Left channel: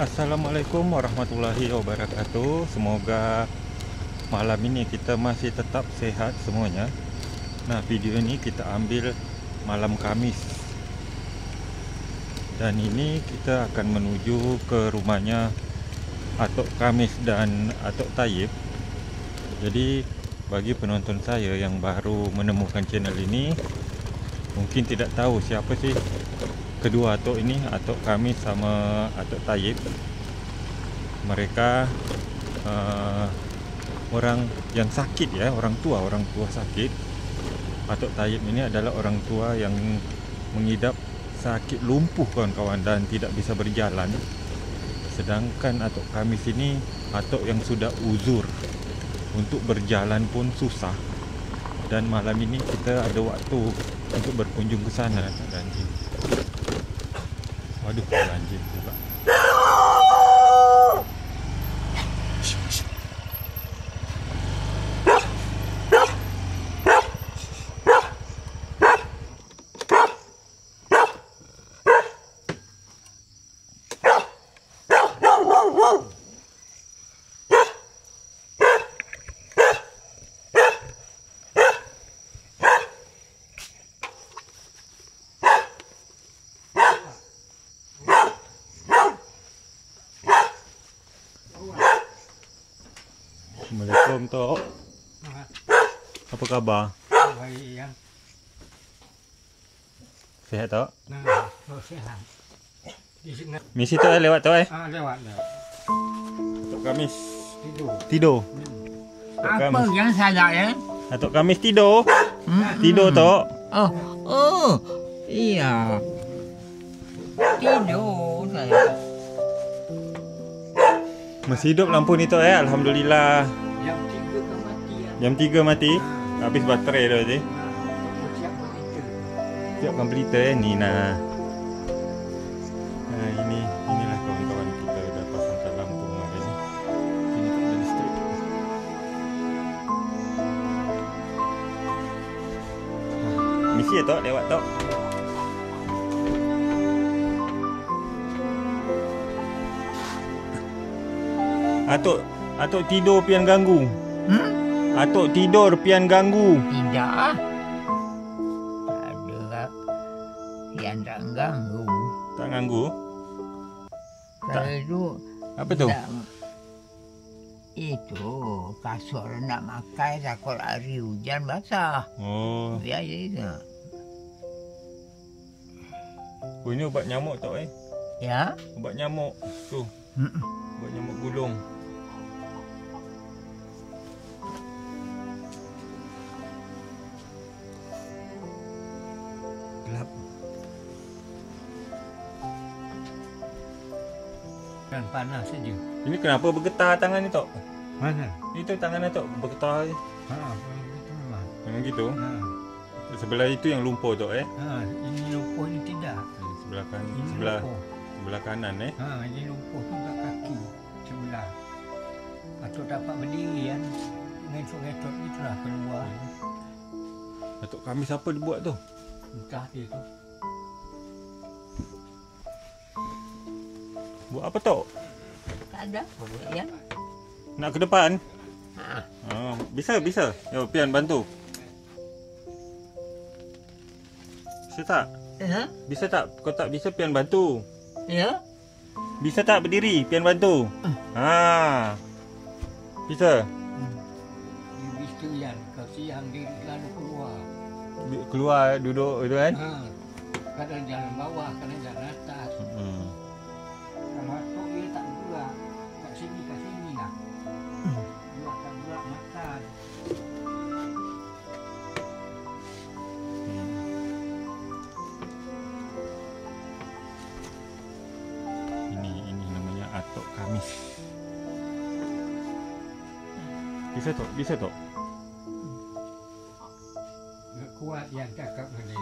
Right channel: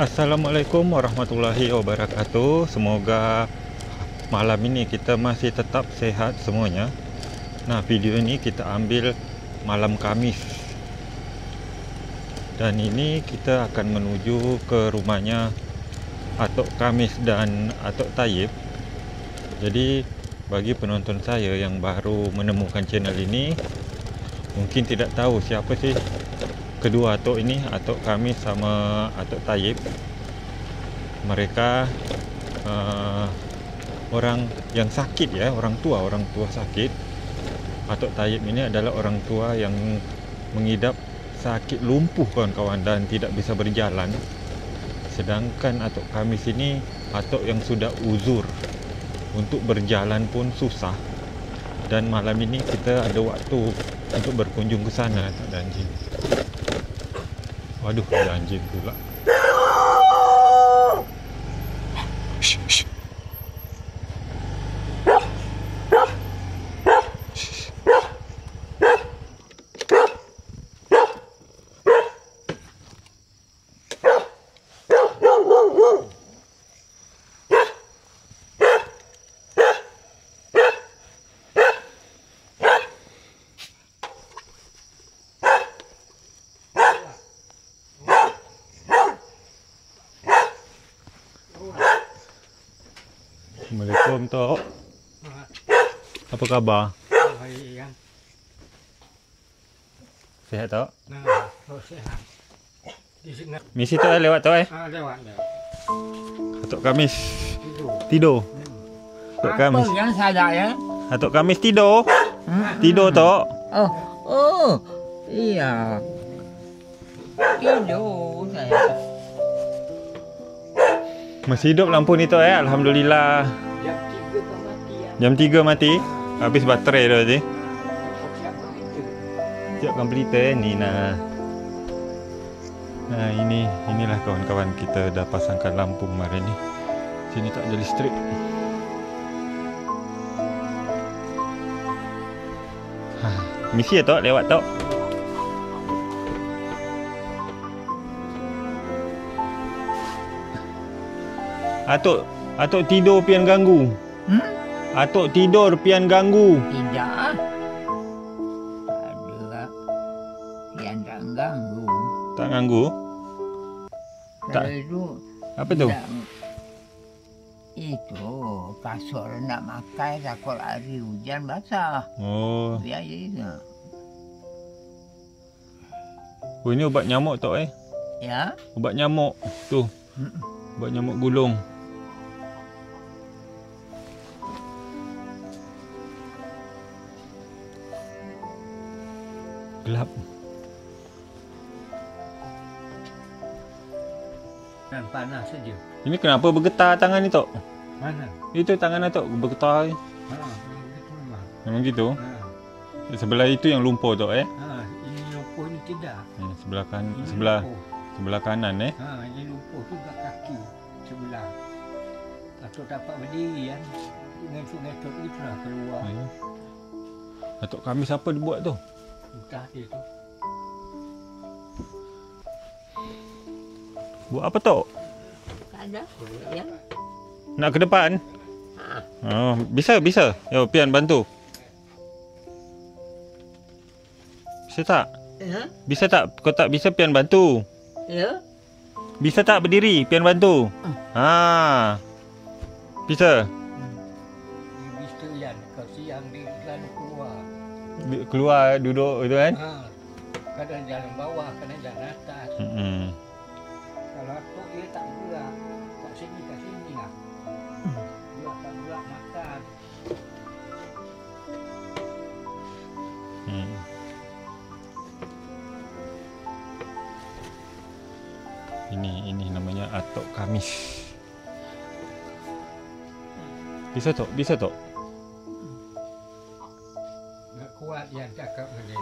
Assalamualaikum warahmatullahi wabarakatuh. Semoga malam ini kita masih tetap sehat semuanya. Nah, video ini kita ambil malam Khamis. Dan ini kita akan menuju ke rumahnya Atok Khamis dan Atok Taib. Jadi bagi penonton saya yang baru menemukan channel ini, mungkin tidak tahu siapa sih kedua Atok ini, Atok Khamis sama Atok Taib. Mereka orang yang sakit ya, orang tua sakit. Atok Taib ini adalah orang tua yang mengidap sakit lumpuh kawan-kawan dan tidak bisa berjalan. Sedangkan Atok Khamis ini atok yang sudah uzur, untuk berjalan pun susah. Dan malam ini kita ada waktu untuk berkunjung ke sana. Tak ada anjing. Waduh, ada anjing pula. Assalamualaikum Tok. Apa khabar? Sehat Tok? Sehat. Misi Tok lewat Tok Lewat. Atok Khamis tidur. Atok Apa Khamis. yang salah ya? Atok Khamis tidur. Tidur Tok. Oh, iya. Tidur saya. Masih hidup lampu ni Tok Alhamdulillah. Jam 3 mati ya. Jam 3 mati. Habis baterai tu tadi. Siap komputer ni nah. Nah, inilah kawan-kawan, kita dah pasangkan lampu kemarin ni. Sini tak ada listrik. Misi ya Tok, lewat Tok. Atok tidur pian ganggu. Atok tidur pian ganggu. Tidak. Ada yang tak ganggu. Tak ganggu? Tak. Kalau itu Apa tu? itu kasur nak makan takut hari hujan basah. Oh. Biar je. Oh, ini ubat nyamuk Tok Ya. Ubat nyamuk. Tu. Ubat nyamuk gulung. Gelap. Panas saja. Ini kenapa bergetar tangan ni Tok? Mana? Itu tangan Tok bergetar. Itu memang. Memang gitu. Sebelah itu yang lumpur Tok Ini lumpuh ni tidak. Sebelah kan, Ini sebelah kanan ini lumpuh tu kat kaki sebelah. Atuk dapat berdiri kan. Dengan sungai-sungai itulah keluar. Atok Khamis apa dia buat tu? Entah dia tu. Buat apa Tok? Tak ada. Ya. Nak ke depan? Oh, bisa. Yo, pian bantu. Bisa tak? Ya. Bisa tak? Kau tak bisa pian bantu. Ya. Bisa tak berdiri pian bantu? Bisa. Bisa ya. Kasi yang diri lalu keluar. Keluar duduk tu kan? Kadang jalan bawah, kadang jalan atas. Kalau aku dia tak gerak. Tak sini kat sini lah. Dia tak gerak makan. Ini namanya Atok Khamis. Bisa Tok? Tak kuat yang cakap mana.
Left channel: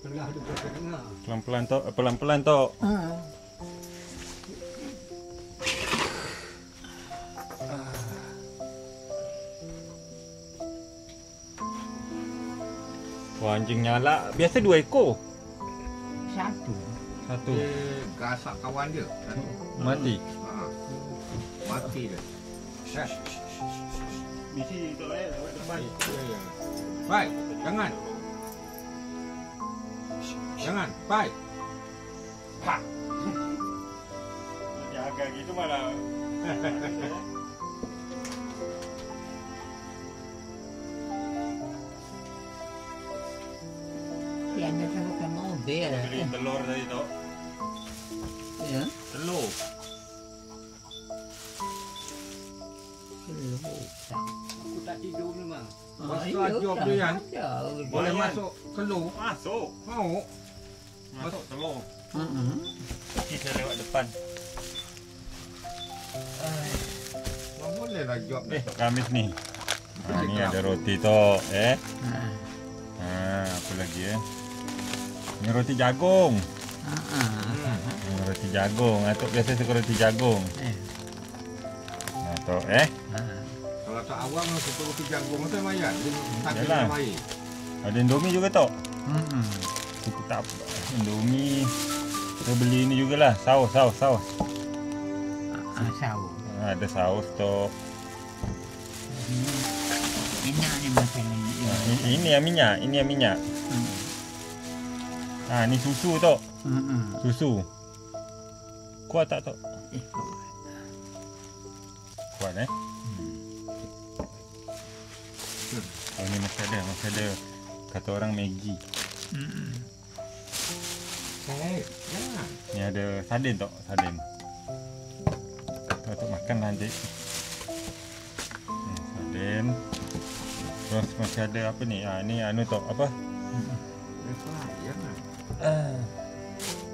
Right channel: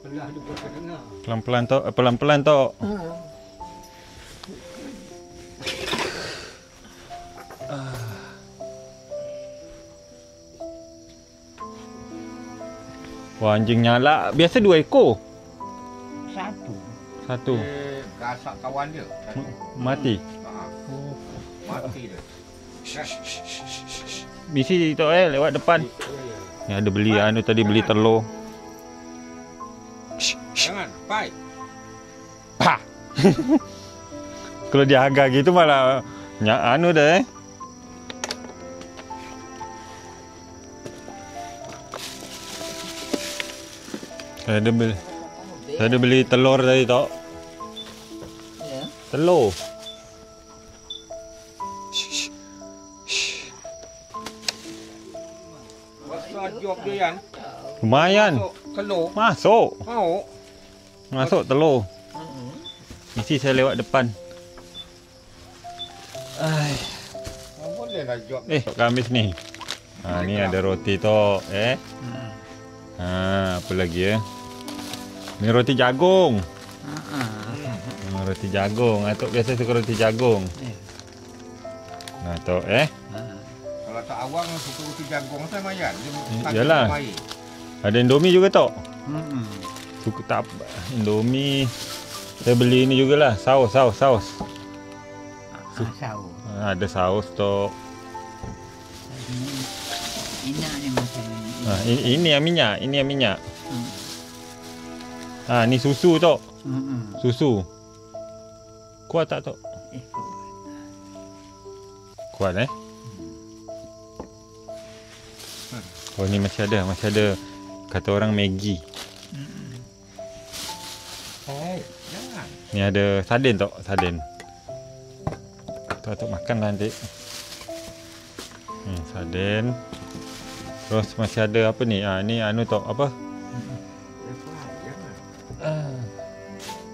Pelah juga kedengar. Pelan-pelan Tok. Wah, anjing nyala. Biasa 2 ekor. Satu. Dia gasak kawan dia. Mati. Mati dia. Bisi tu lewat depan. Ni ada beli anu tadi beli telur. Jangan, pai. Pa. Kalau dia agak gitu malah anu dah. Saya ada beli telur tadi tok. Ya. Telur. Job dia kan. Lumayan. Telur. Masuk. Mau. Masuk telur. Mesti saya lewat depan. Boleh lah job. Tok Kamis ni. Ha, ni ada roti tok apa lagi Ni roti jagung. Roti jagung. Atok biasa suka roti jagung. Tok Kalau tak awang suka roti jagung saya mayan. Yalah. Ada Indomie juga tok. Suka tak Indomie. Kita beli ni jugalah saus. Ada saus tok. Ini yang minyak. Ni susu tok. Susu. Kuat tak tok? Kuat Oh, ni masih ada. Kata orang Maggi. Ni ada sarden tok, sarden. Tok makan nanti. Sarden. Terus masih ada apa ni? Ni anu tok apa?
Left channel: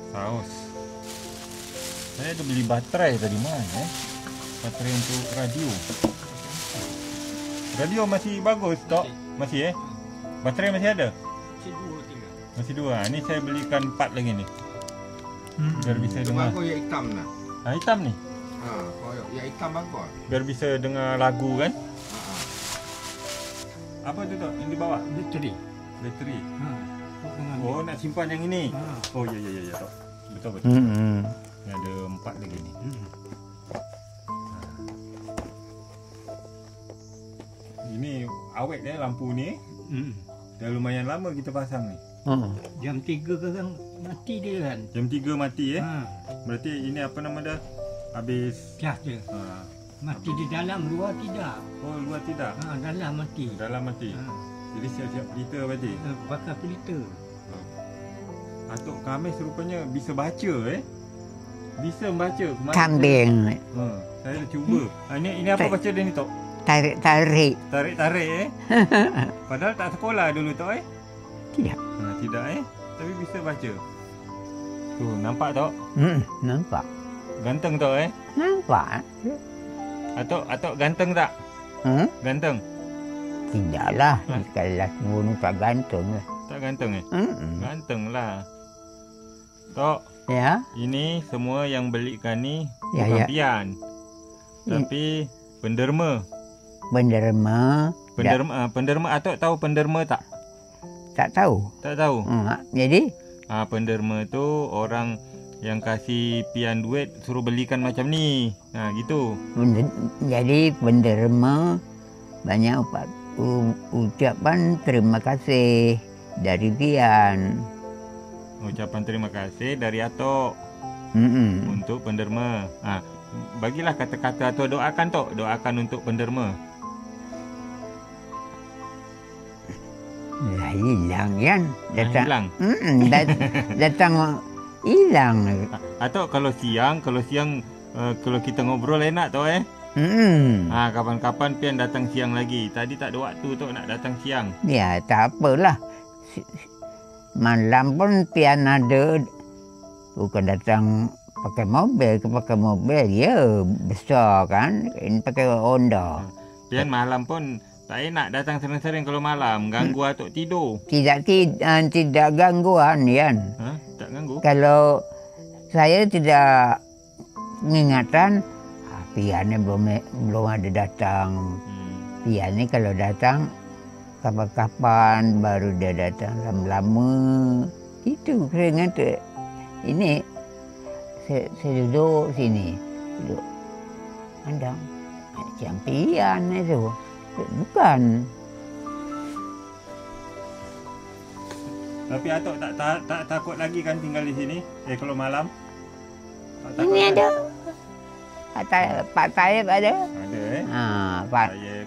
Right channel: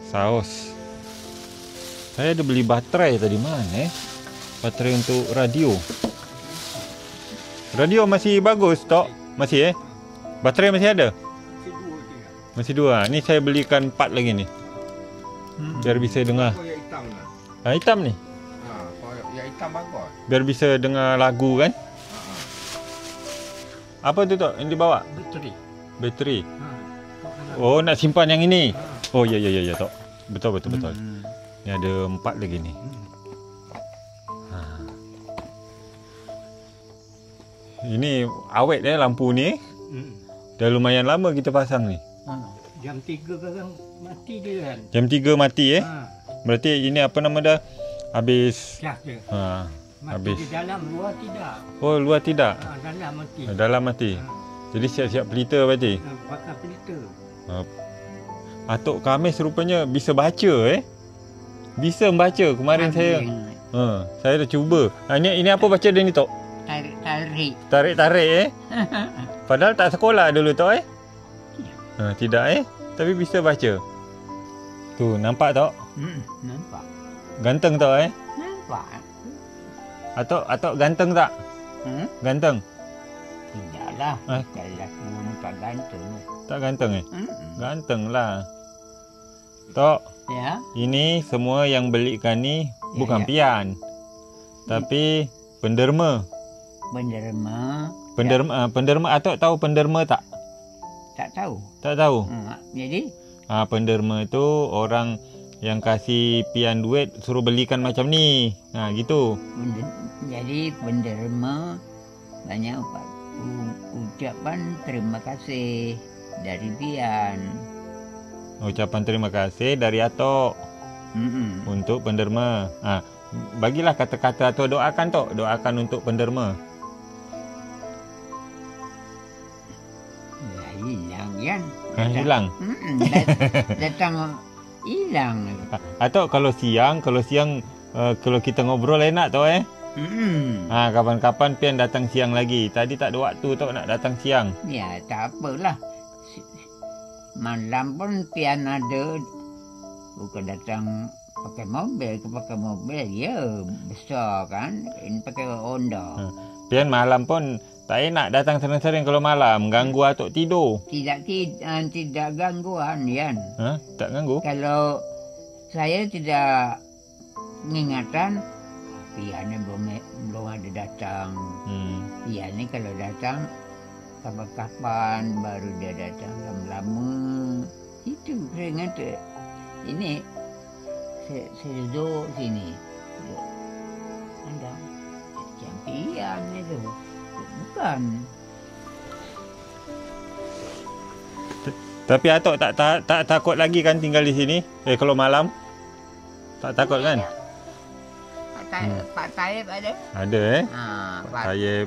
Saus. Saya ada beli baterai tadi mana Baterai untuk radio. Radio masih bagus tok? Masih Baterai masih ada? Masih 2. Ni saya belikan 4 lagi ni. Biar bisa dengar. Yang hitam ni. Hitam ni. Yang hitam bagus. Biar bisa dengar lagu kan? Apa tu tok yang dibawa? Bateri. Oh, nak simpan yang ini. Oh, ya tok. Betul. Ni ada 4 lagi ni. Ini awet lampu ni. Dah lumayan lama kita pasang ni. Jam 3 kan mati dia kan. Jam 3 mati Berarti ini apa nama dah? Habis. Siap je. Mati habis. di dalam, luar tidak. Oh, luar tidak. Dalam mati. Dalam mati. Jadi siap-siap pelita berarti. Bakar pelita. Atok Kamis rupanya bisa baca Bisa membaca. Kemarin saya dah cuba. Ini apa baca dia ni tok? Tarik. Tarik Padahal tak sekolah dulu tok Tidak. Tidak tapi bisa baca. Tu nampak tok? Nampak. Ganteng tok Nampak. Atok ganteng tak? Ganteng? Tidaklah. Kalau semua tak gantung. Tak ganteng Ganteng lah. Tok, Ya. ini semua yang belikan ni bukan pian. Tapi penderma. Penderma. Penderma Atok tahu penderma tak? Tak tahu. Tak tahu. Jadi? Penderma tu orang yang kasih pian duit suruh belikan macam ni. Gitu. Jadi penderma banyak ucapan terima kasih dari pian. Ucapan terima kasih dari Atok untuk penderma. Bagilah kata-kata atau doakan tok. Doakan untuk penderma. Hilang kan? Hilang. Datang hilang. Atok kalau siang kalau kita ngobrol enak tok kapan-kapan pian datang siang lagi. Tadi tak ada waktu tok nak datang siang. Ya, tak apalah. Malam pun pian ada. Bukan datang pakai mobil. Ya, besar kan. Ini pakai Honda. Pian malam pun tak enak datang sering-sering kalau malam. Ganggu Atok tidur. Tidak gangguan, Yan. Tak ganggu? Kalau saya tidak mengingatkan, pian ni belum ada datang. Pian ni kalau datang, kapan-kapan baru dia datang lama-lama. Itu keringan tu. Ini saya duduk sini. Duduk pandang. Campian itu. Bukan. Tapi Atok tak takut lagi kan tinggal di sini? Kalau malam? Tak takut Ini kan? ada. Pak Taib ada. Ada Pak Taib.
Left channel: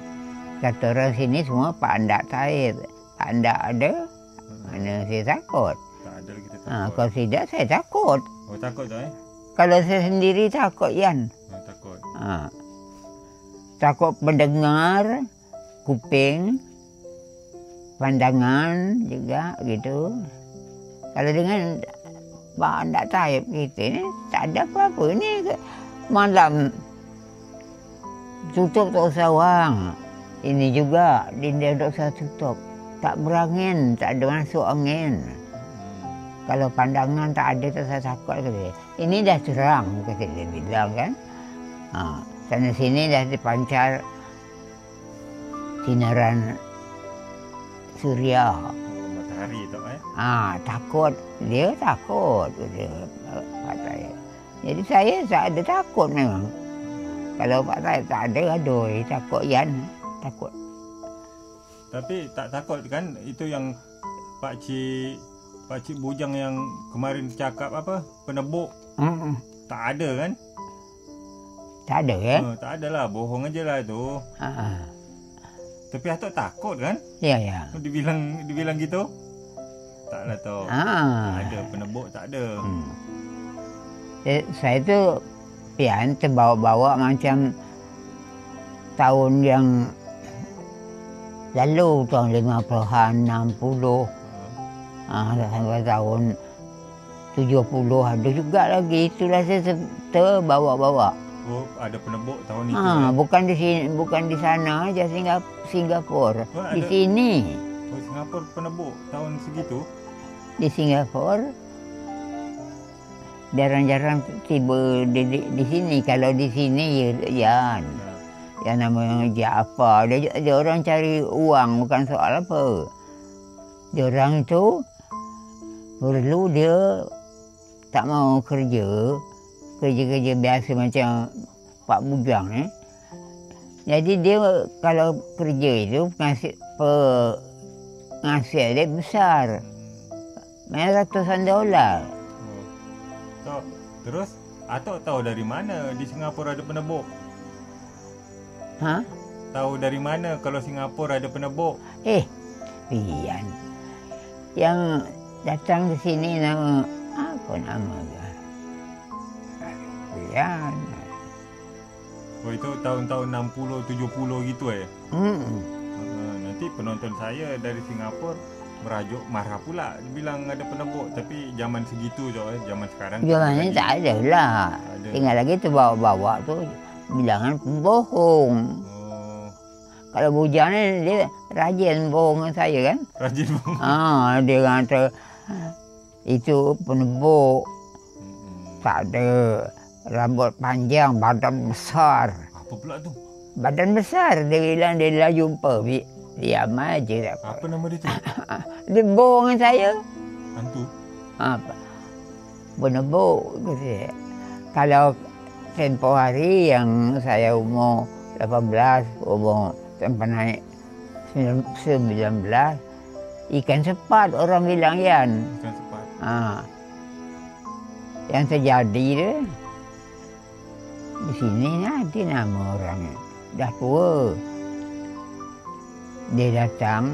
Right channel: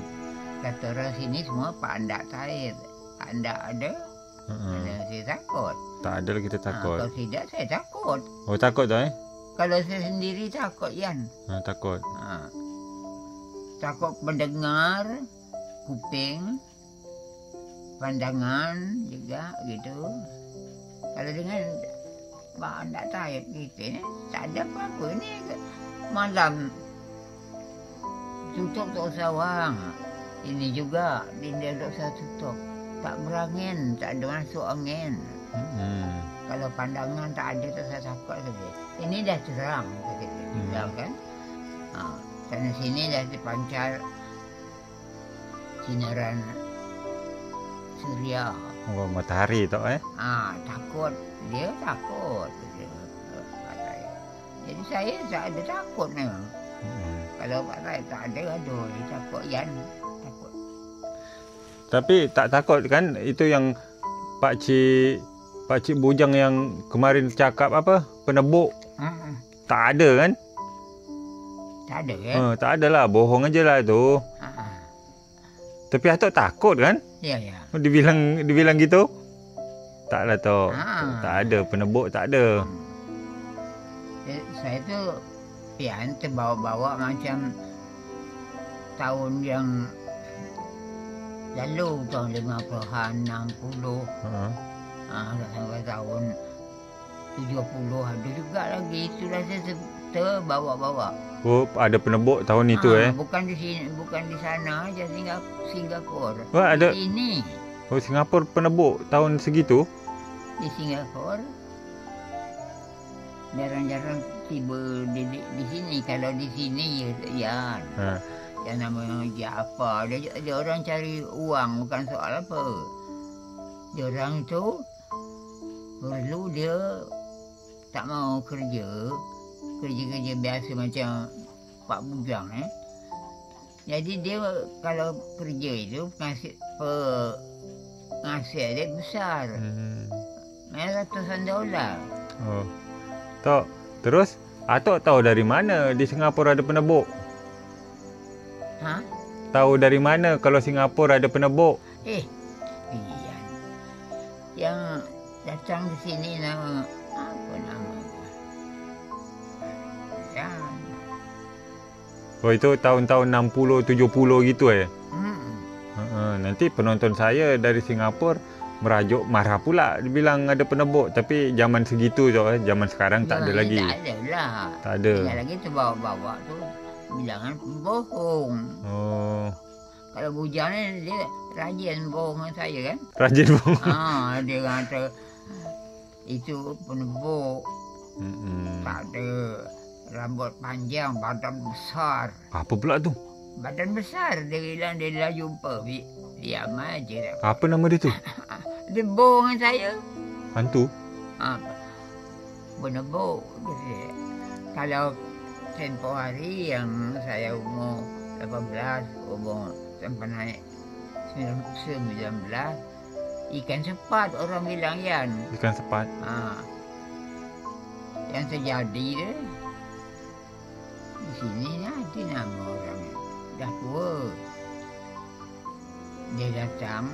kata orang sini semua Pak Andak Taib. Pak Andak ada. Mana saya takut. Tak ada lagi kita takut. Kalau tidak saya takut. Oh takut tak Kalau saya sendiri takut Yan. takut. Takut mendengar, kuping, pandangan juga gitu. Kalau dengan Pak Andak Taib kita ni tak ada apa-apa ni. Malam tutup tak usah wang. Ini juga dia tak usah tutup. Tak berangin, tak ada masuk angin. Kalau pandangan tak ada, tak usah takut kata dia. Ini dah terang kata dia bilang kan. Sana sini dah dipancar sinaran suria. Oh matahari tak Takut. Dia takut. Dia, Pak Taib. Jadi saya tak ada takut memang. Kalau Pak Taib tak ada, aduh, takut Yan. Takut. Tapi tak takut kan itu yang Pak Cik Bujang yang kemarin cakap apa? Penebuk. Tak ada kan? Tak ada ya? Tak ada lah. Bohong aja lah tu. Tapi Atok takut kan? Ya, ya. Dibilang gitu? Tak lah Tok. Tak ada. Penebuk tak ada. Saya tu pian terbawa-bawa macam tahun yang lalu, tahun 50-an, 60. Sampai tahun 70 ada juga lagi. Itulah saya terbawa-bawa. Oh, ada penebuk tahun itu Bukan di sini, bukan di sana aja, Singapura. Di sini. Oh, Singapura penebuk tahun segitu? Di Singapura jarang-jarang tiba di sini. Kalau di sini ya yang namanya apa? Dia orang cari uang, bukan soal apa. Dia orang tu perlu dia tak mau kerja biasa macam Pak Bujang Jadi dia kalau kerja itu penghasilan dia besar. Ratusan dolar. Oh. Tok, terus Atok tahu dari mana di Singapura ada penebuk? Tahu dari mana kalau Singapura ada penebuk? Pian. Yang datang ke sini nama apa nama? Pian. Oh itu tahun-tahun 60, 70 gitu Nanti penonton saya dari Singapura merajuk marah pula dibilang ada penebuk, tapi zaman segitu tu zaman sekarang tak ada lagi. Tak ada lah. Tak ada. Tinggal lagi tu bawa-bawa tu bilangan pembohong. Kalau Bujang ni dia rajin bohong dengan saya kan. Rajin bohong. Dia kata itu penebuk. Tak ada, rambut panjang, badan besar. Apa pula tu? Badan besar. Dia bilang dia dah jumpa. Diam aja. Apa nama dia tu? Dia bohong dengan saya. Hantu? Penebuk. Kalau tempoh hari yang saya umur 18, umur sampai naik 19, ikan sepat orang bilang Yan. Ikan sepat? Yang terjadi dia di sini nanti nama orangnya dah tua. Dia datang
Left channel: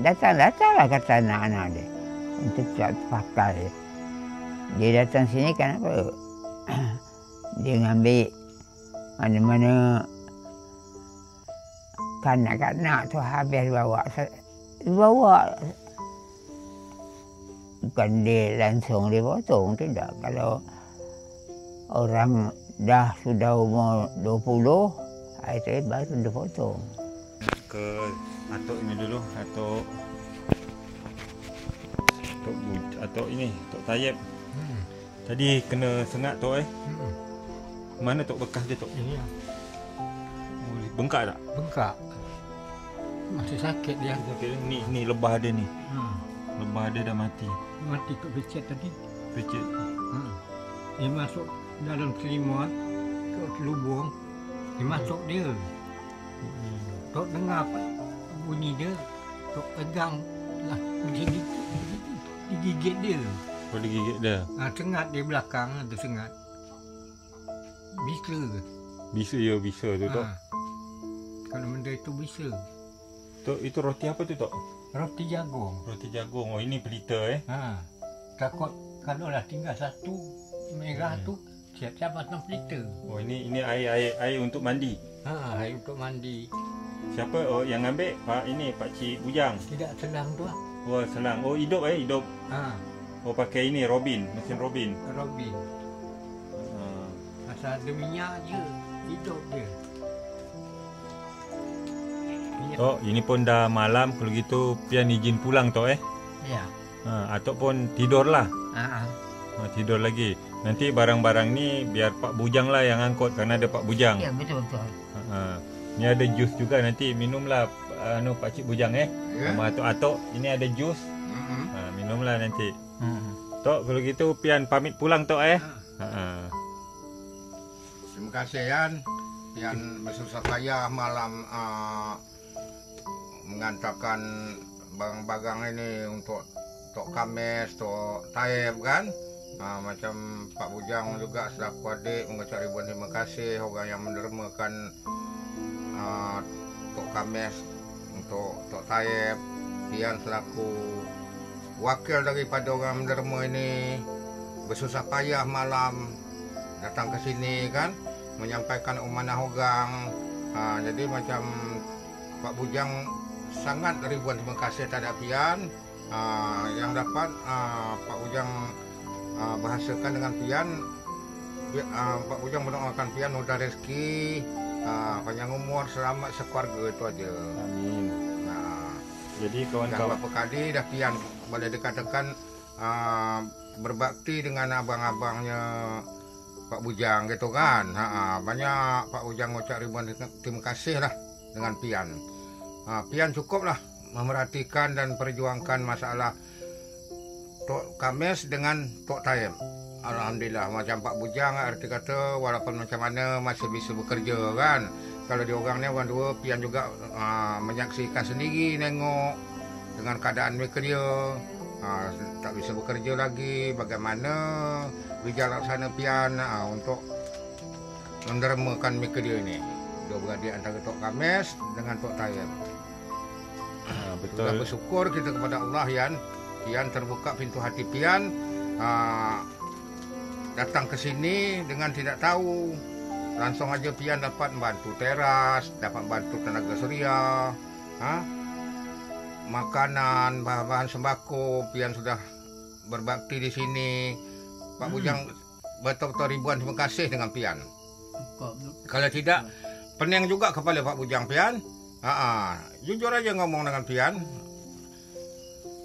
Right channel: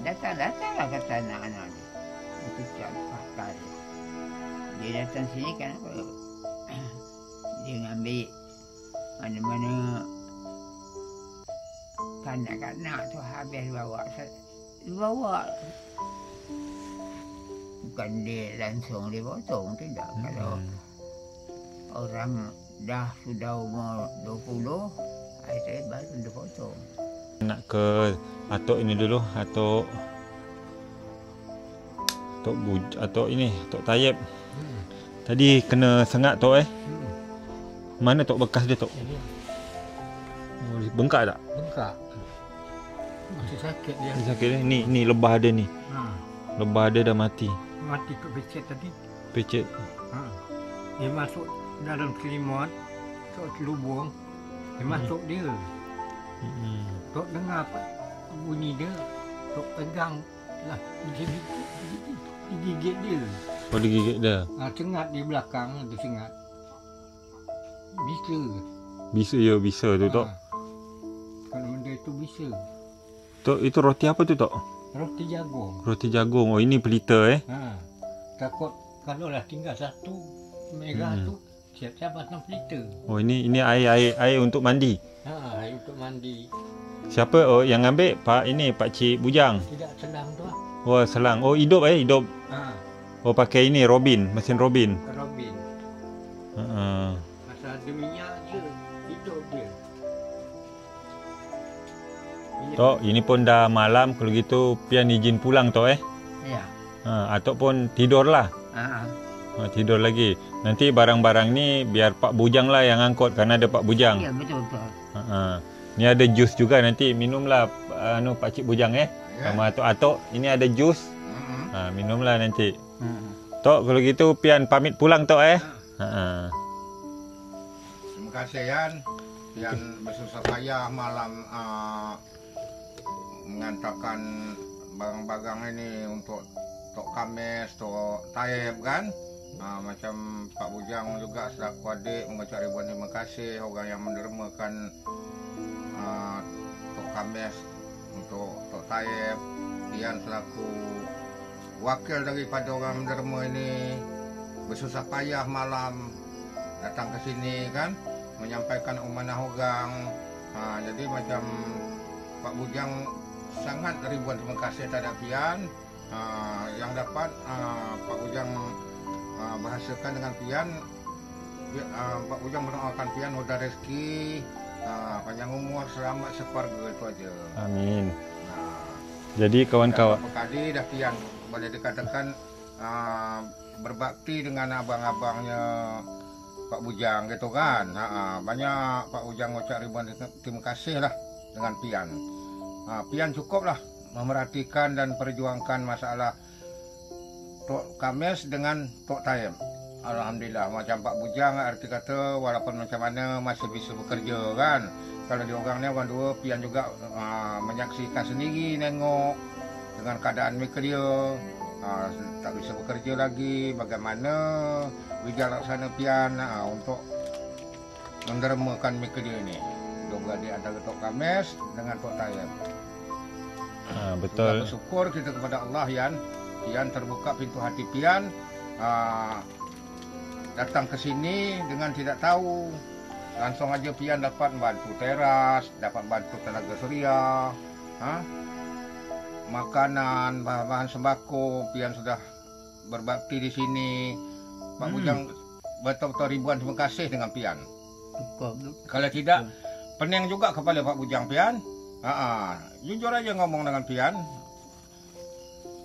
datanglah kata anak-anak dia untuk tak pakai. Dia datang sini kenapa? Dia ngambil mana-mana kanak-kanak tu habis bawa. Bukan dia langsung dia potong, tidak. Kalau orang dah sudah umur 20, itu baru dia potong. Nak ke Atok ini dulu, Atok Taib. Tadi kena sengat Tok Mana Tok bekas dia Tok? bengkak tak? Bengkak. Masih sakit dia. Sakit ni. Ni lebah dia ni. Ha. Lebah dia dah mati. Mati kat becet tadi. Pecet. Ha. Dia masuk dalam selimut, masuk lubung. Dia masuk dia. Tok dengar apa bunyi dia. Tok pegang lah. Dia digigit dia. Oh, digigit dia. Ha, sengat dia belakang ada sengat. Bisa. Bisa tu Tok. Kalau benda itu bisa. Tok, itu roti apa tu Tok? Roti jagung. Roti jagung. Oh, ini pelita Ha. Takut kalau lah tinggal satu merah tu siap-siap pasang pelita. Oh, ini air untuk mandi. Ha, air untuk mandi. Siapa? Oh, yang ambil Pak Cik Bujang. Tidak senang tu lah. Oh, selang. Oh, hidup. Ha, Oh, pakai ini mesin Robin. Robin. Ha. Asal ada minyak je, hidup dia. Tok, ini pun dah malam. Kalau gitu pian izin pulang Tok Ya. ataupun tidurlah. Ha. Tidur lagi. Nanti barang-barang ni biar Pak Bujang lah yang angkut kerana ada Pak Bujang. Ya, betul. Ni ada jus juga, nanti minumlah Pak Cik Bujang sama atuk-atuk. Ini ada jus. Minumlah nanti. Tok, kalau gitu pian pamit pulang Tok Terima kasih Yan. Pian bersusah payah malam mengantarkan barang-barang ini untuk Tok Kames, Tok Taib kan. Macam Pak Bujang juga selaku adik mengucap ribuan terima kasih orang yang mendermakan Tok Kames untuk Tok Taib. Pian selaku wakil daripada orang menderma ini bersusah payah malam datang ke sini kan, menyampaikan amanah orang. Jadi macam Pak Bujang sangat ribuan terima kasih terhadap pian yang dapat Pak Bujang bahasakan dengan pian. Pak Bujang mendoakan pian mudah rezeki, panjang umur, selamat sekeluarga, itu aja. Amin. Jadi kawan-kawan, Berapa kali dah pian boleh dikatakan berbakti dengan abang-abangnya Pak Bujang gitu kan. Banyak Pak Bujang ucap ribuan terima kasih lah dengan pian. Pian cukuplah memerhatikan dan perjuangkan masalah Tok Kames dengan Tok Taib. Alhamdulillah, macam Pak Bujang arti kata walaupun macam mana masih bisa bekerja kan. Kalau dia orang ni orang dua, pian juga menyaksikan sendiri, nengok dengan keadaan mereka dia. Tak bisa bekerja lagi, bagaimana berjalan sana pian untuk mendermakan mereka dia ni. Dua beradik antara Tok Kames dengan Tok Taib. betul. Kita bersyukur kita kepada Allah Yan. Pian terbuka pintu hati pian datang ke sini dengan tidak tahu. Langsung aja pian dapat bantu teras, dapat bantu tenaga suria, makanan, bahan-bahan sembako. Pian sudah berbakti di sini. Pak Bujang betul-betul ribuan terima kasih dengan pian. Kalau tidak, pening juga kepala Pak Bujang pian. Jujur aja ngomong dengan pian.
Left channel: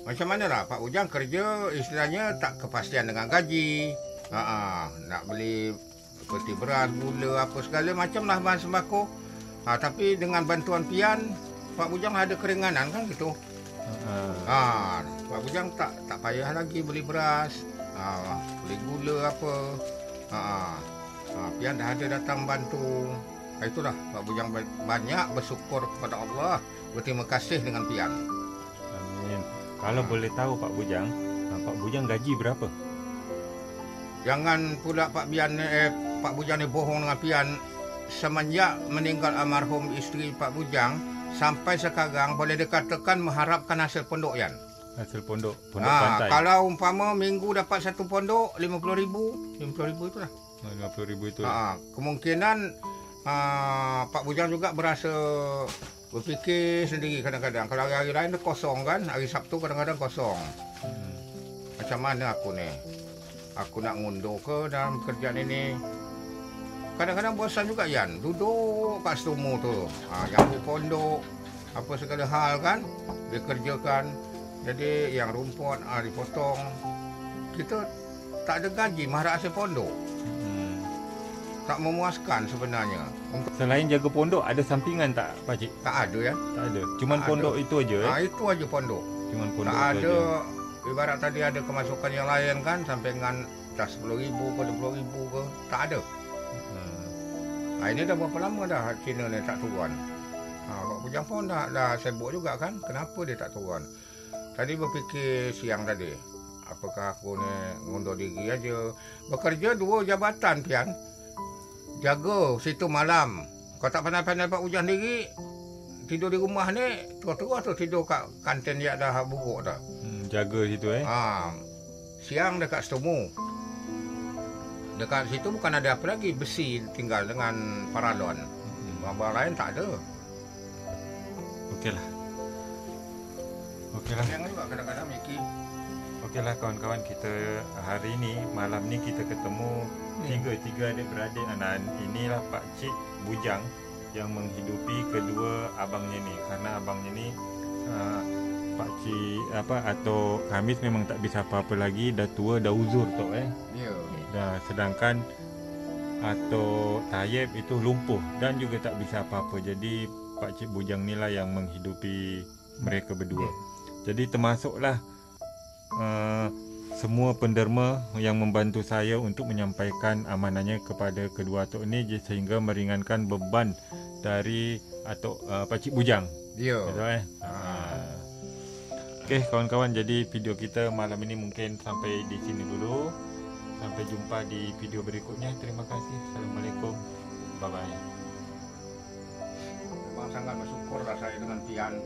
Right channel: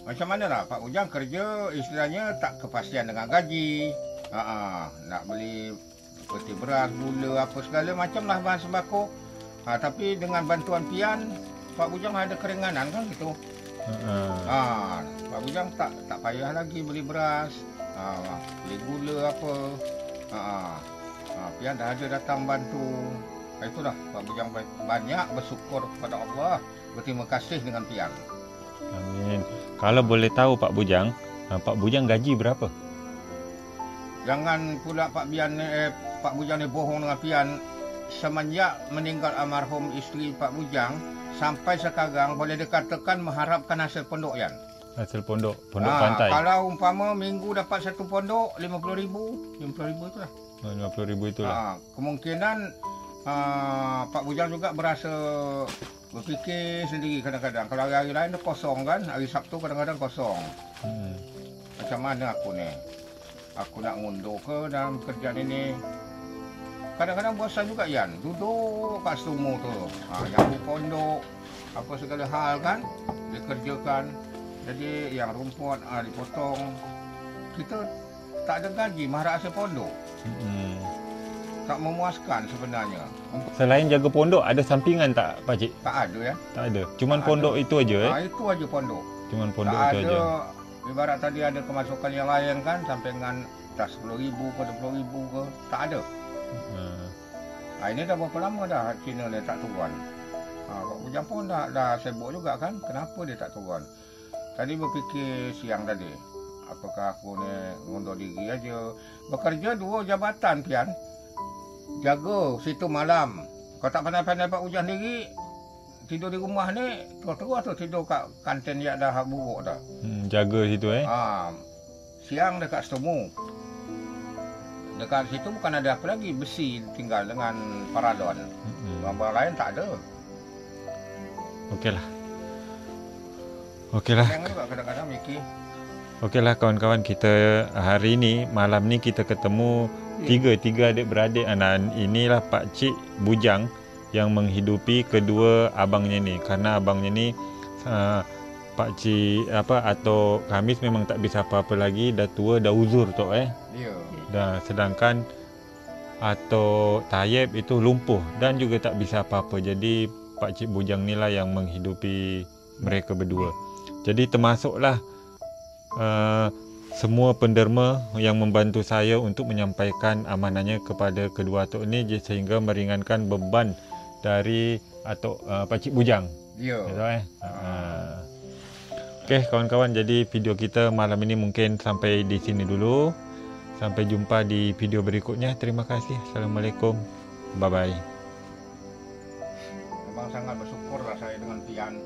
Macam mana lah Pak Bujang kerja istilahnya tak kepastian dengan gaji. Nak beli seperti beras, gula, apa segala macam lah bahan sembako. Tapi dengan bantuan pian, Pak Bujang ada keringanan kan gitu. Pak Bujang tak payah lagi beli beras, beli gula apa. Pian dah ada datang bantu. Itulah Pak Bujang banyak bersyukur kepada Allah, berterima kasih dengan pian. Amin. Kalau boleh tahu Pak Bujang gaji berapa? Jangan pula Pak Bujang ni bohong dengan pian. Semenjak meninggal almarhum isteri Pak Bujang sampai sekarang boleh dikatakan mengharapkan hasil pondok Yan. Hasil pondok pantai. Kalau umpama minggu dapat satu pondok 50,000 itu lah. 50,000 itu lah. Kemungkinan Pak Bujang juga berasa berfikir sendiri kadang-kadang. Kalau hari lain dia kosong kan, hari Sabtu kadang-kadang kosong. Macam mana aku ni? Aku nak mundur ke dalam kerjaan ini? Kadang-kadang bosan juga Yan, duduk kat stumu tu. Yang pondok, apa segala hal kan, dikerjakan. Jadi yang rumput dipotong. Kita tak ada gaji, mengharap hasil pondok. tak memuaskan sebenarnya. Selain jaga pondok, ada sampingan tak Pakcik? Tak ada ya. Tak ada. Cuman Tak pondok itu aja Itu aja pondok. Cuman pondok Tak itu ada, aja. ibarat tadi ada kemasukan yang lain kan, sampingan dah 10,000 ke 20,000 ke, tak ada. Ini dah berapa lama dah Cina ni tak turun. Pak Bujang pun dah sibuk juga kan, kenapa dia tak turun. Tadi berfikir siang tadi, apakah aku ni mundur diri aja. Bekerja 2 jabatan Pian. Jaga situ malam. Kau tak pandai-pandai Pak Bujang diri, tidur di rumah ni, terus-terus tu tidur kat kantin yang dah buruk dah. Jaga situ Siang dekat Setemu. Dekat situ bukan ada apa lagi, besi tinggal dengan paralon. Barang lain tak ada. Okeylah. Yang juga kadang-kadang Miki. Okeylah kawan-kawan, kita hari ni, malam ni kita ketemu tiga adik-beradik. Inilah Pakcik Bujang yang menghidupi kedua abangnya ni. Karena abangnya ni Pakcik atau Khamis memang tak bisa apa-apa lagi, dah tua, dah uzur tu Ya. Dan sedangkan atau Tayyib itu lumpuh dan juga tak bisa apa-apa. Jadi Pakcik Bujang ni lah yang menghidupi mereka berdua. Jadi termasuklah semua penderma yang membantu saya untuk menyampaikan amanahnya kepada kedua atuk ni sehingga meringankan beban dari atuk Pakcik Bujang. Ya. Betul Okey kawan-kawan, jadi video kita malam ini mungkin sampai di sini dulu. Sampai jumpa di video berikutnya. Terima kasih. Assalamualaikum. Bye-bye. Memang sangat bersyukur lah saya dengan Pian.